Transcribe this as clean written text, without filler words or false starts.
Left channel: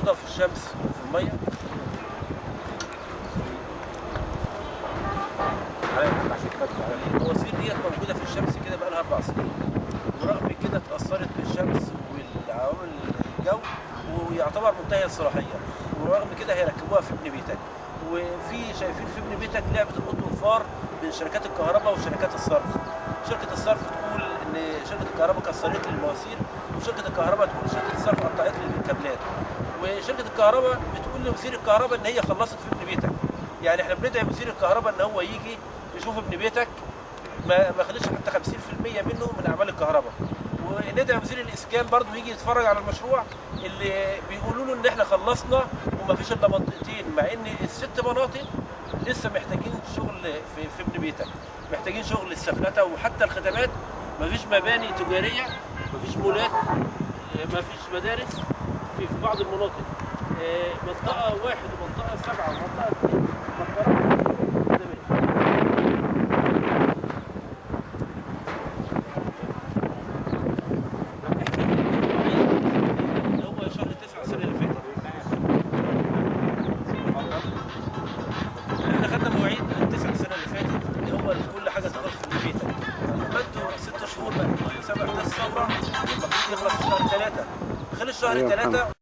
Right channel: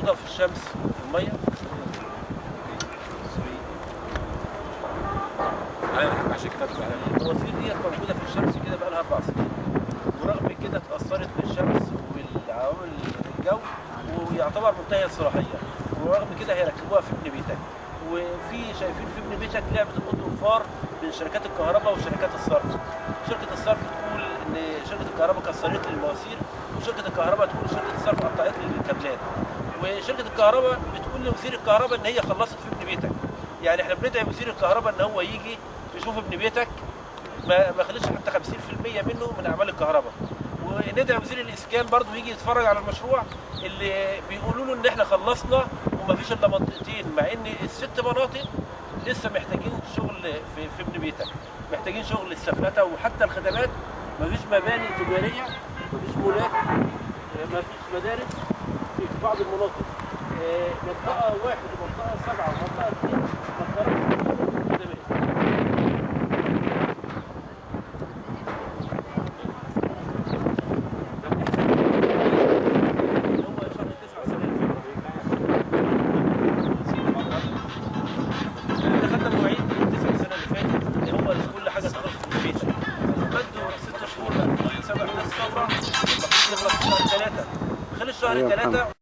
محطوطه في الشمس في الميه. المواسير ديت موجوده في الشمس كده بقى لها 4 سنين، ورغم كده اتاثرت بالشمس والعوامل الجو ويعتبر منتهي الصلاحيه، ورغم كده هيركبوها في ابن بيتك. وفي شايفين في ابن بيتك لعبه القط والفار بين شركات الكهرباء وشركات الصرف. شركه الصرف تقول ان شركه الكهرباء كسرت لي المواسير، وشركه الكهرباء تقول شركه الصرف قطعت لي الكابلات، وشركه الكهرباء بتقول لوزير الكهرباء ان هي خلصت في ابن بيتك. يعني احنا بندعي وزير الكهرباء ان هو يجي يشوف ابن بيتك ما خليش حتى 50% منه من اعمال الكهرباء، وندعي وزير الاسكان برضه يجي يتفرج على المشروع اللي بيقولوا له ان احنا خلصنا وما فيش الا منطقتين، مع ان ال6 مناطق لسه محتاجين شغل في ابن بيتك، محتاجين شغل السفلته وحتى الخدمات. ما فيش مباني تجاريه، ما فيش مولات، ما فيش مدارس في بعض المناطق. منطقه 1 ومنطقه 7 ومنطقه 2 خدمات. احنا خدنا مواعيد من 9 السنه اللي فاتت ان هو كل حاجه تخلص في بيتك. انتوا 6 شهور بقى 7 الثوره المفروض يخلص في شهر 3، خلال شهر 3